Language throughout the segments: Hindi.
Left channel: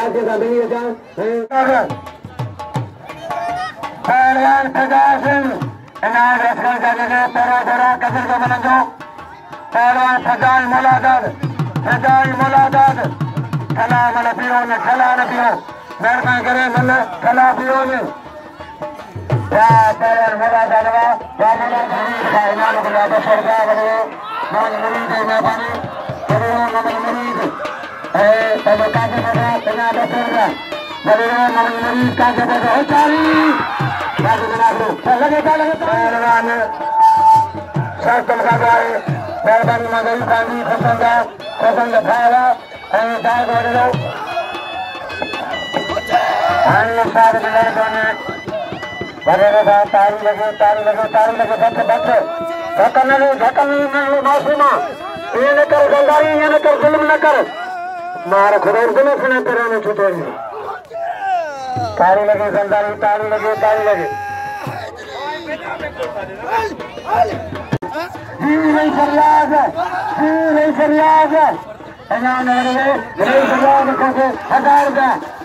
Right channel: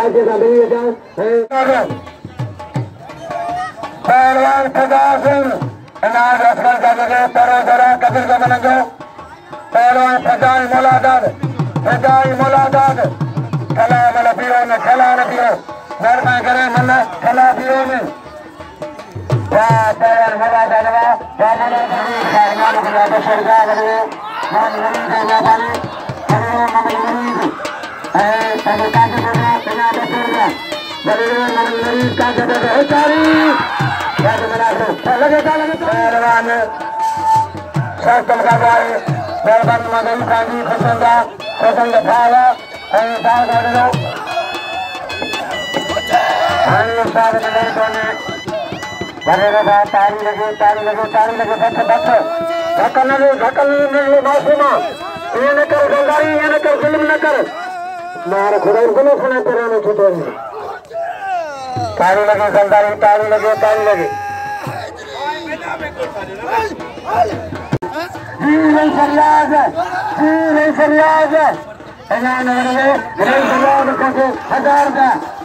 काटे का नहीं है पहलवान प्रताप सिंह इनाम रखकर जाके तेरा कबीर को बना दो पहलवान फजाल मुलादाद कला मलपियों ने कला रखियो मेहरबान करे मन कला पियो ने पहलवान मुलादाद इमाम खिलाफ सरगा करो मान मुरीद मैदान करे नबी मुरीद तब काजे दे बिना सरगा नबी मुरीद काजे दे चारी याद बना दो पहलवान शास्त्र का भाई पहलवान मदन गांधी पसंद भावा और दाग वड़े हरी सारे जगह बोले बड़े बड़ा ताली लगे बस धक्का नहीं मासूमा ये न कर गंगारी ये न कर जुल्म न कर मार खुदा गुनो सुने तेरे में छूटे नहीं ताली लगे गंगारी ताली लगे नहीं फरियाद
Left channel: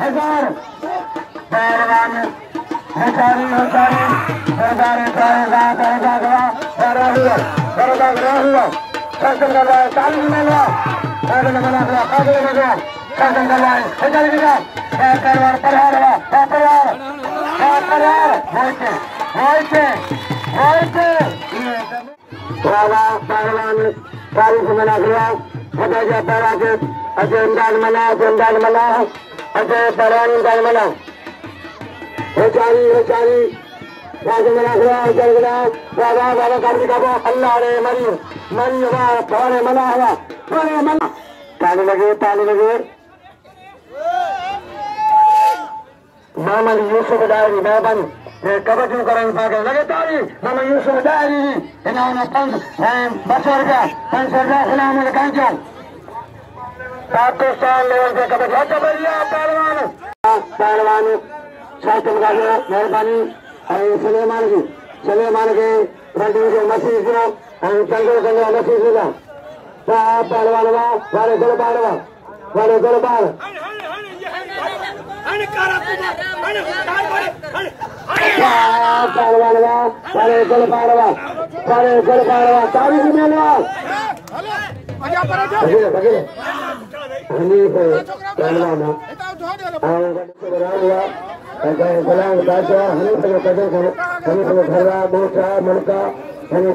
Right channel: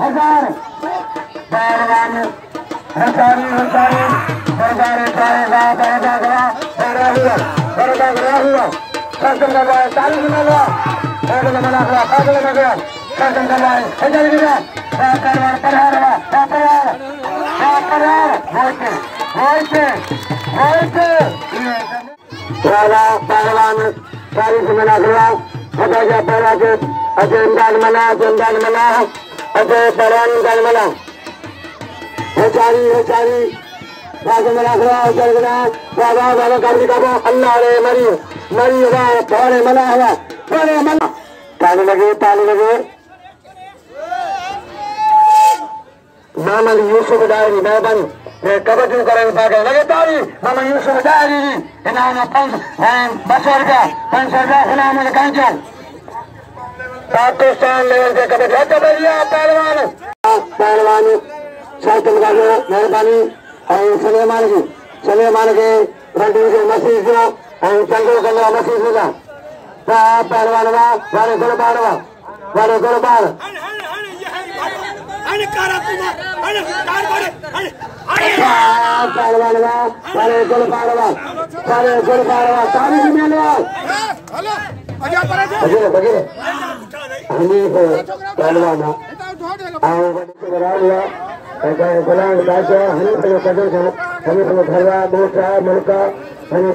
हजार पहलवान हजारी हुआ शासन करवाए ताली मिला कागज में गया शासन करवाए पहलवान पहलवान तारीख मना हुआ हजाजा पहला के अजय इमदाद मना अजय पहलवान इमदाद मना होचारी राज मना हुआ बाबा गाड़ी का अल्लाह रे मरी हुआ पौने मना ताली लगे मोहम्मद यूसुफ डायरी मैदान कदर क्यों करेंगे पाके लगे ताली मोहम्मद यूसुफ डायरी इनाम 500 रुपया इनाम कांचन पाकिस्तान लेवल के कदर जाते भैया पहलवान शास्त्र मेहरबानी और सलेमान के रंडी के मसीह को और चंगो कल्ला मसीह को पहलवान वाले गुलबार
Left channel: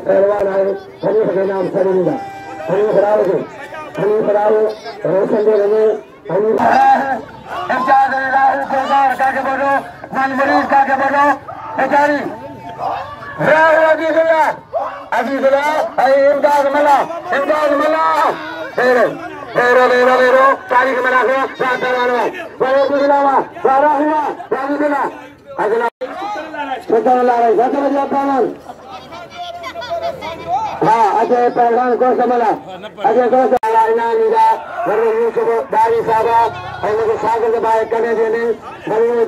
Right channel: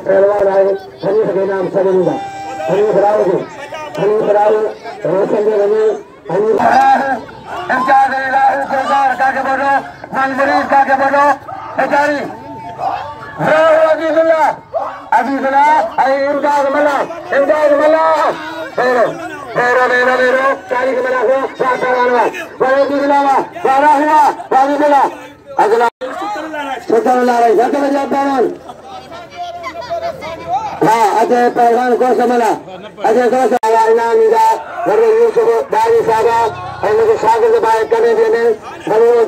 पहलवान आए हनीफ के नाम सरिंदा हनीफ राव रोशन दे रहे काके बोलो मन मरीज काके बोलो बेचारी इमदाद मना रो तारीख मना हुआ अगला हाँ अजय पहलवान को समझा अजय को इनाम डायरी साहब और शागिर्द भाई करने देने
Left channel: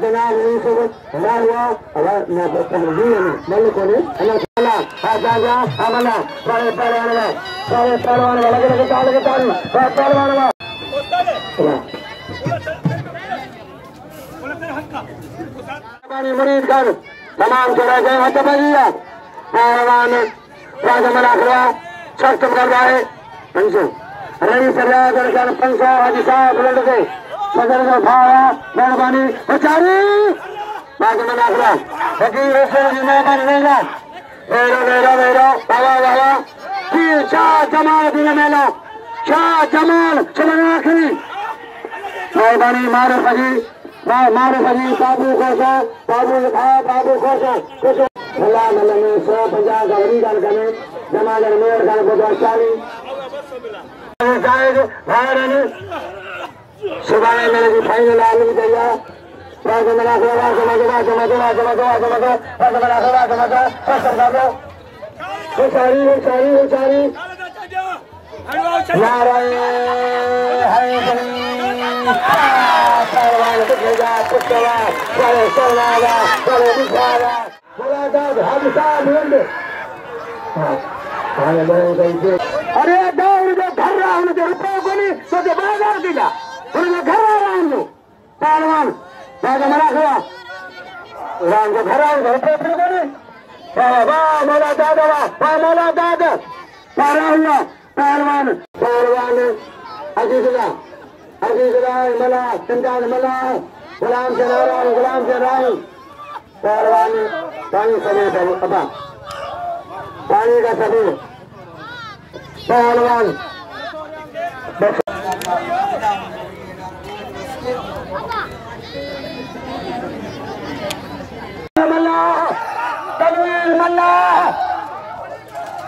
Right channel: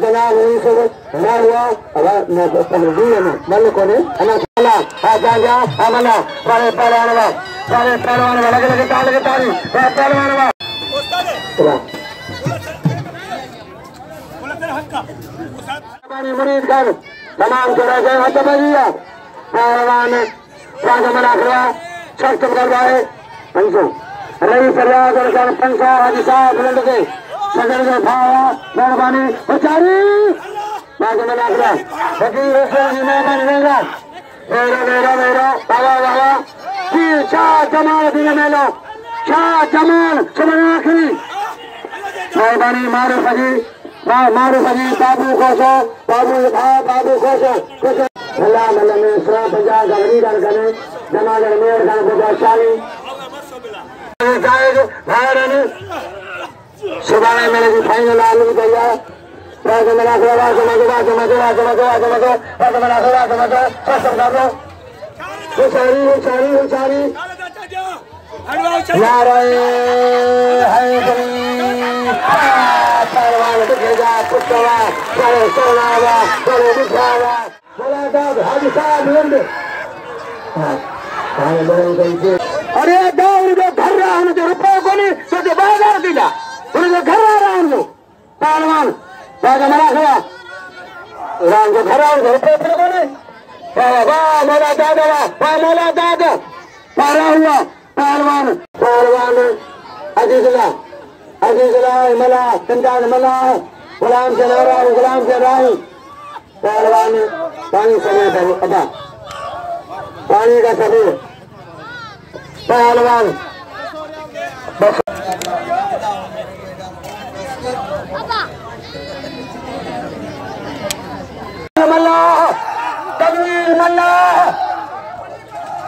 जनाब यूसुफ हुआ मल्ल को हमला सारे पहलवान लगे ताली मरीज कर तमाम चला गए पहलवान शस्त्र कर रहा है पंचो रवि फरियाद और 500 हाजी साहब लड़के सदर का भाया मेहरबानी बेचारी बाकी मना करा फकीर मेहमान लेगा मेरा वाला शाह जमाल दिन मैंने शाह जमाल चलना आखिरी मेहरबानी मारो फकीर बाबू खोशा बाबू खोशा भला मतलब में 150 गवरी गल करे जमाजर मेर गल 50 जाएगा भारत सिवाय मेरे की फाइनल आलू गया राजा मेरा सेवा जमा सारी नारायण है हाजी साहब अरे दौड़ जो घर रहा जो रुपये को नहीं तो बाजार दिला जो घर आ रहा हूँ Daga mana kaya. Orang keharan berapa ni? Wah malah daga. Parah huwa. Parwan. Azizullah malah kencan malah. Gulam Jalal. Parwan. Pani sana apa? Pani ka sabi. Parwan.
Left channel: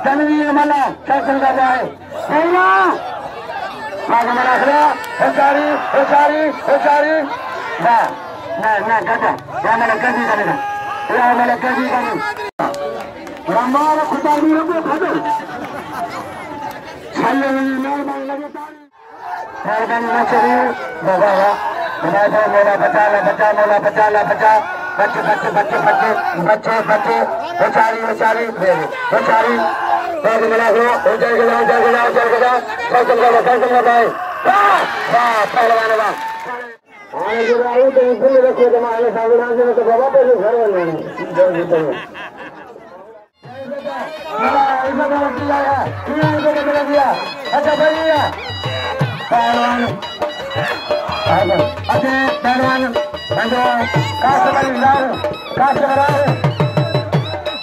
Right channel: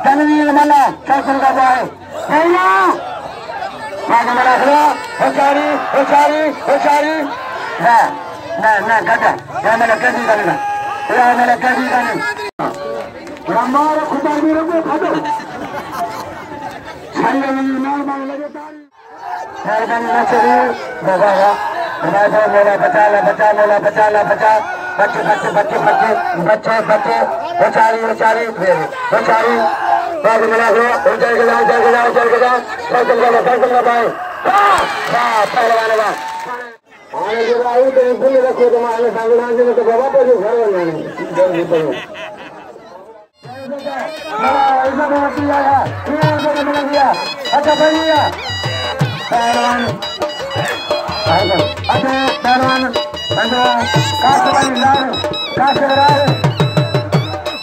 Tanwir Malla, Faisal ka jaye. Kaya. Bagaimana kalau? Hocari. Nah, kata. Jangan kasih kami. Jangan kasih kami. Ramara kutar biru kado. Sallallahu alaihi wasallam. Korban masri, bawa. Hamaja mola bacala. Bacche. Hocari. Bagaimana kalau? Hocari ke. Faisal ka bae. Pahlan ba. आने के बाद तो इतने रखो तो मारे सावधान से तो बाबा पे जो घर बनना है जल्दी करो अच्छा बढ़िया पहलवान बंदो काश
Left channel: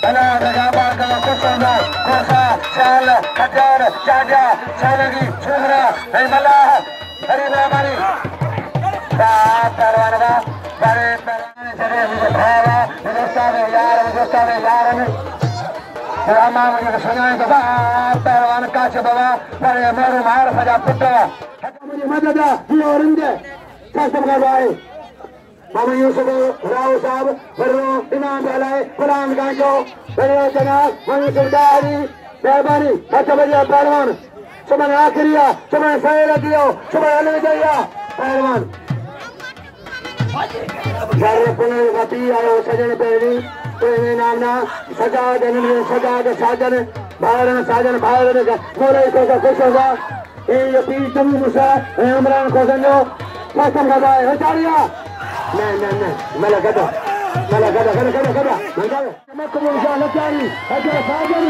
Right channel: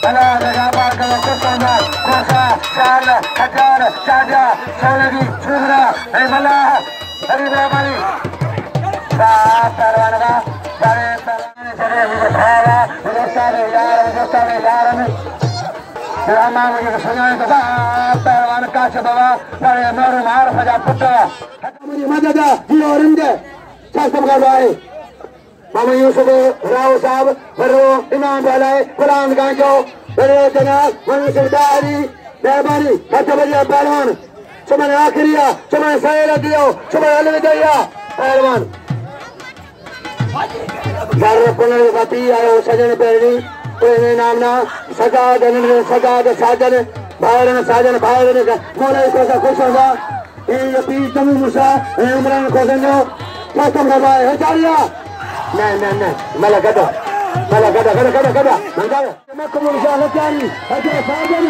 अला लगा बार का कोसा चाल खटर चाजा चालगी छुरा हे मला हरि बाबानी Perwanaba, Bhawa, Udastane yaran. Rama मुझे सुनाए तो Perwan काश बाबा, बड़े मेरे मार सजा पुत्र. मेरी मदद ये औरंगे, शास्त्र का भाई. बाबा यूसुफ राव साहब, बरो इमाम वाला, कुरान गांजो, बड़े जनाब, मनी सरदारी, मेहरबानी, बच्चे बच्चे पहलवान. चमन आखिरिया, चमन सहेला दियो, चमन अलविदा पहलवान. Jaro punergati ayo sajan perni perni namna sajad sajan bharan nore kosa kushoga ye pitam musa imran kosanno kasam gada hocariya na malagada mandaya makkum musa lakani hajra sajan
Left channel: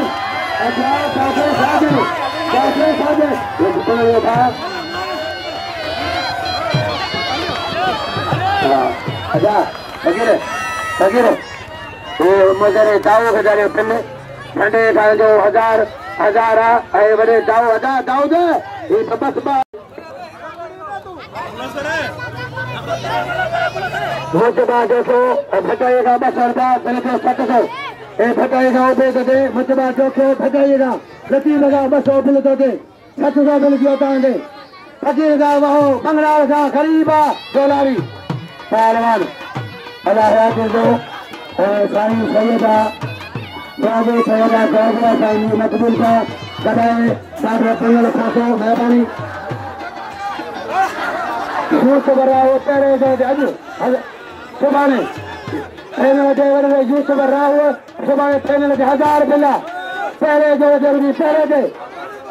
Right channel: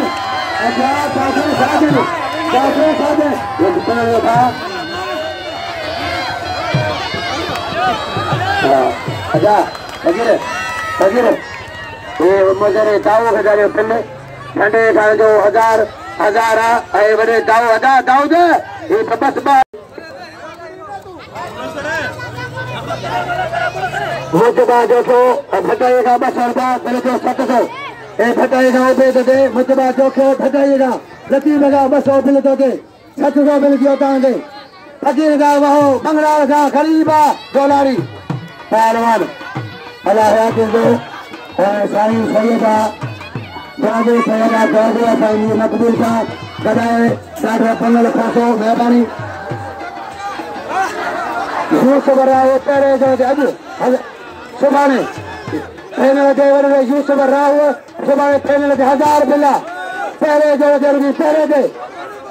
lekutana अच्छा बजीर ये मुझे दाऊ हजारे पन्ने ठंडे का जो हजार आए बड़े दाऊ दे ये बस मुझे बात जो भटाइएगा बस पहले जो 700 ये भटाइएगा वो दे मुझे बात जो भटाइएगा लकी लगा बस और बिल तो दे 700 बिल की होता है फकीर का वो बंगला का गरीबा डॉलरी पहलवान अल्लाह दो साईं सैयदा बाबे सैयदा काबला साईं मकबूल का गदाए साढ़े 15 खासो मेहरबानी यूस बराए पहले जो अज सुभाने पहले देवर में यूस बराए सुभाने पहले 1000 बिला पहले जो जल्दी पहले दे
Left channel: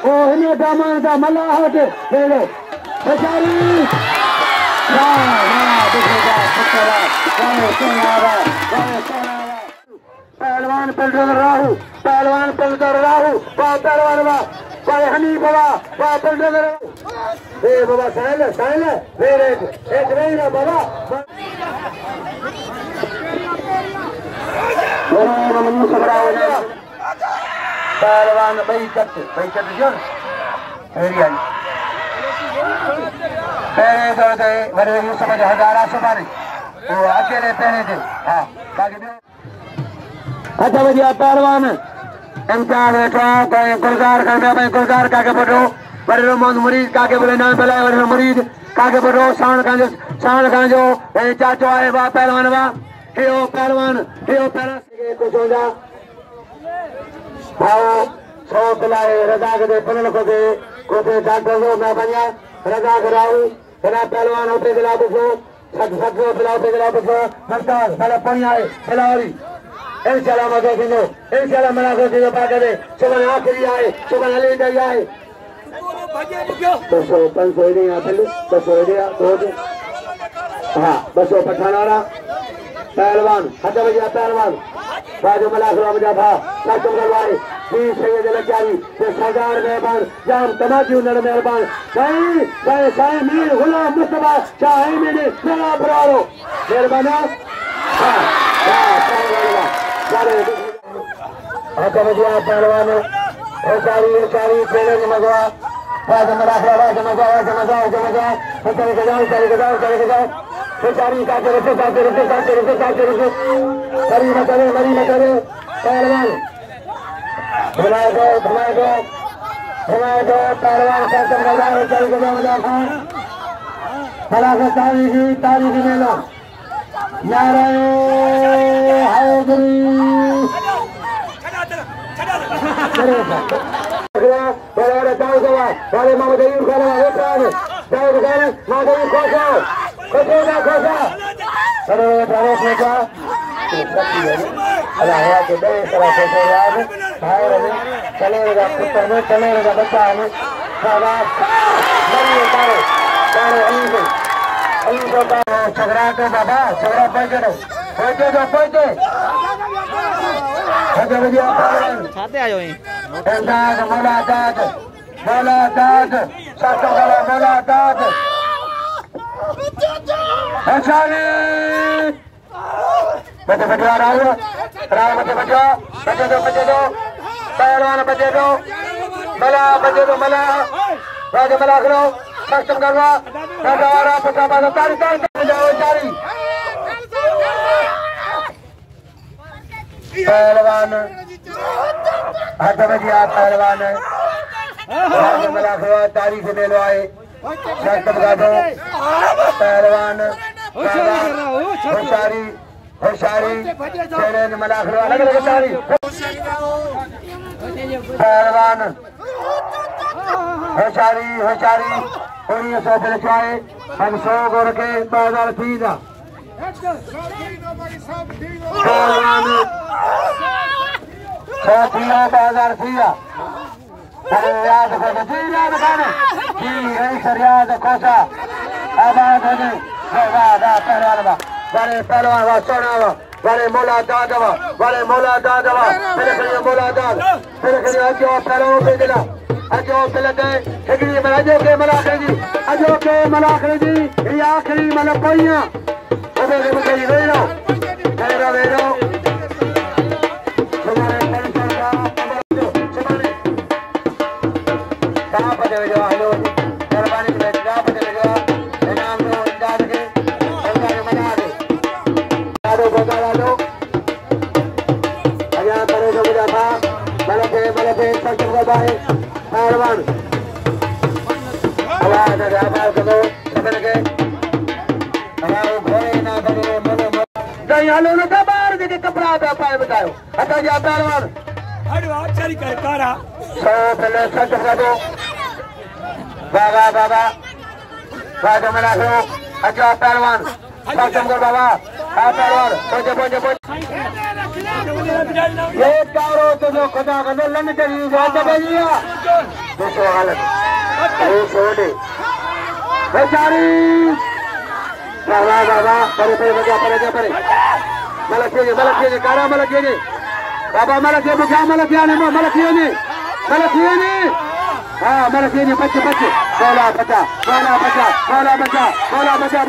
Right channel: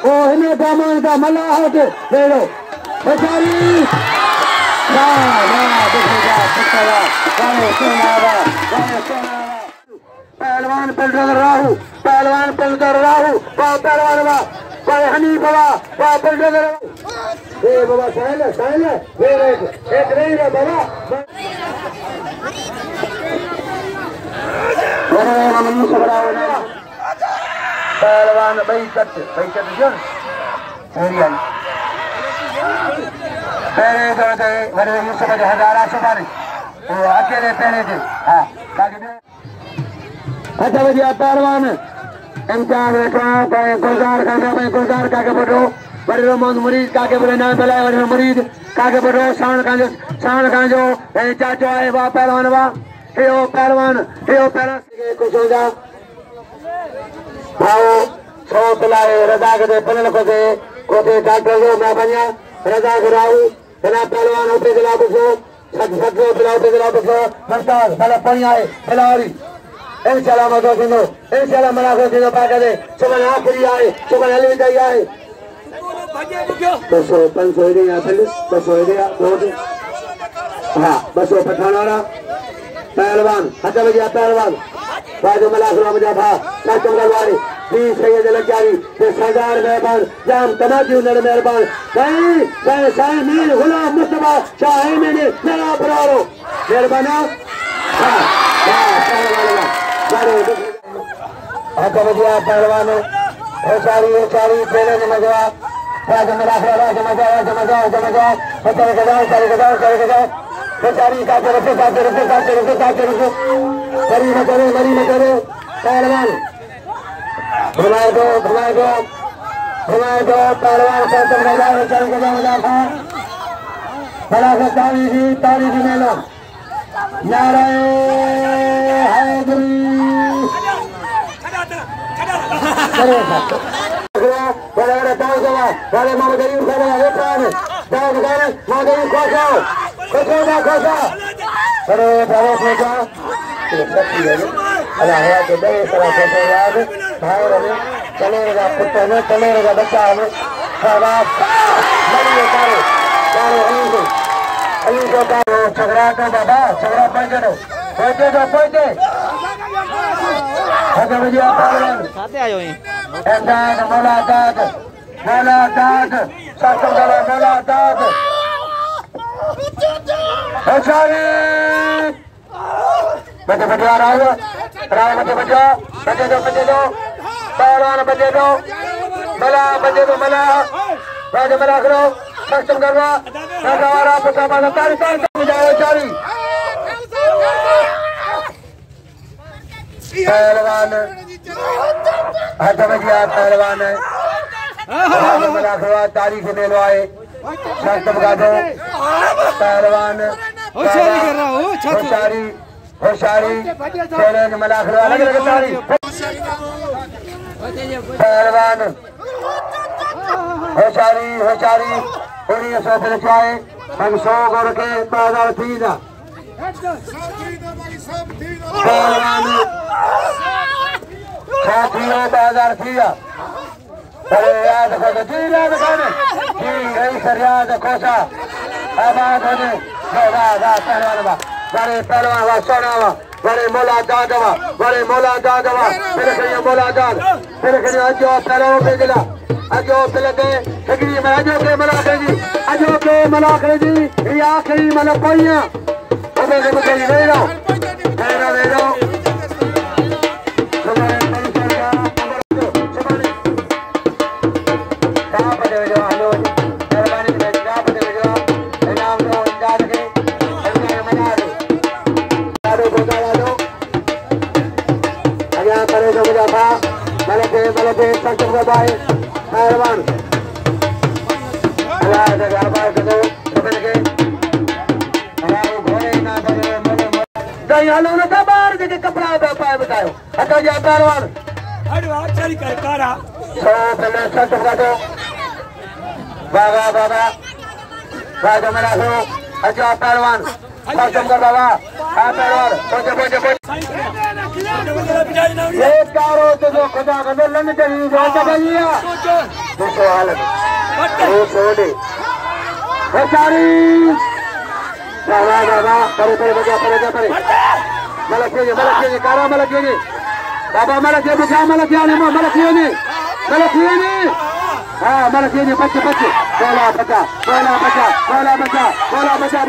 ओ हिने दामन का मल्लाह दे लो बेचारी पहलवान पंजर राहु पहलवान हनीफा पंजर बाबा साइल एक नहीं ना बाबा पहलवान भाई कट जो मेरे यूसुफ हजारा सुपारी वो अकेले पहने थे हाँ बाकी अच्छा भैया पहलवान इम्तियाज गुलजार काके बोलो बड़े मोहम्मद मुरीद काके बोले नाम बलाए बड़े मुरीद काके बोलो शान कांजो चाचो आए बा पहलवान हे पहलवान कुछ हो जा भाव सौ खिलाए रजा के पनल को डॉक्टर जो मैं बनिया रजा कराऊ तेरा पहलवान उठे खिला बसो सत्रो खिलाते खिला बसो नमस्कार भला पानी आए खिलाड़ी इंशाल्लाह मत सुनो इंशाल्लाह मना कर दियो पाके दे सुबह आखिरी आए सुबह हले जाई आए 500 500 दे या पहले 500 दे या बहुत हाँ बसो पठाना पहलवान खत्म गया पहलवान बाजू में लाख मुजाफा नाचम गलवारी बीस सैयद लचारी ये सरदार मेहरबान जाम तमाजी उन्नड़ मेहरबान साईं साईं मीर गुलाम मुस्तफा शाही मैंने मेरा बरारो मेहरबानी खत्म गया पहलवान होशारी चैलेंज लगवा बाजू में लाख बेचारी का करे मरी न करे पहलवान भुला दो पहलवान चल बड़ा से तारीखी में लो नारे हैदरी चलेगा बच्चा हमें झगड़ा तो बाबा झगड़ा पहुंचे बचे दो पहलवान बचे दो मला करो सक्षम करवा पहलवान पहलवान मला करो तारीख मेलवाए सक्षम कर दो पहलवान होशारी चैलेंज मला करो अलग अलग तारीख पहलवान होशारी हम 100 गोड़ के 2003 अरे याद याद कोसा आबाद होने पहलवान बड़े पहलवान सोना बड़े मोला दादवा तेरे के मोला दाद तेरे के अजो पहलवान पे दिला अजो पहले सगरी में अजो के मला करेगी रिया करी मला कोइया ओदे के कोई रे लो पहलवान बाहर देखे कपड़ा पाए बताओ हटा जा पहलवान 100 पहले सच बता दो बाबा मना करो अच्छा पहलवान ये कारो तो खुदा का लन चाहिए बेचारी बाबा परे मलकिए कारा मलकिए बाबा मलकिए बुझा मलकिए हाँ बच्चे बोला बचा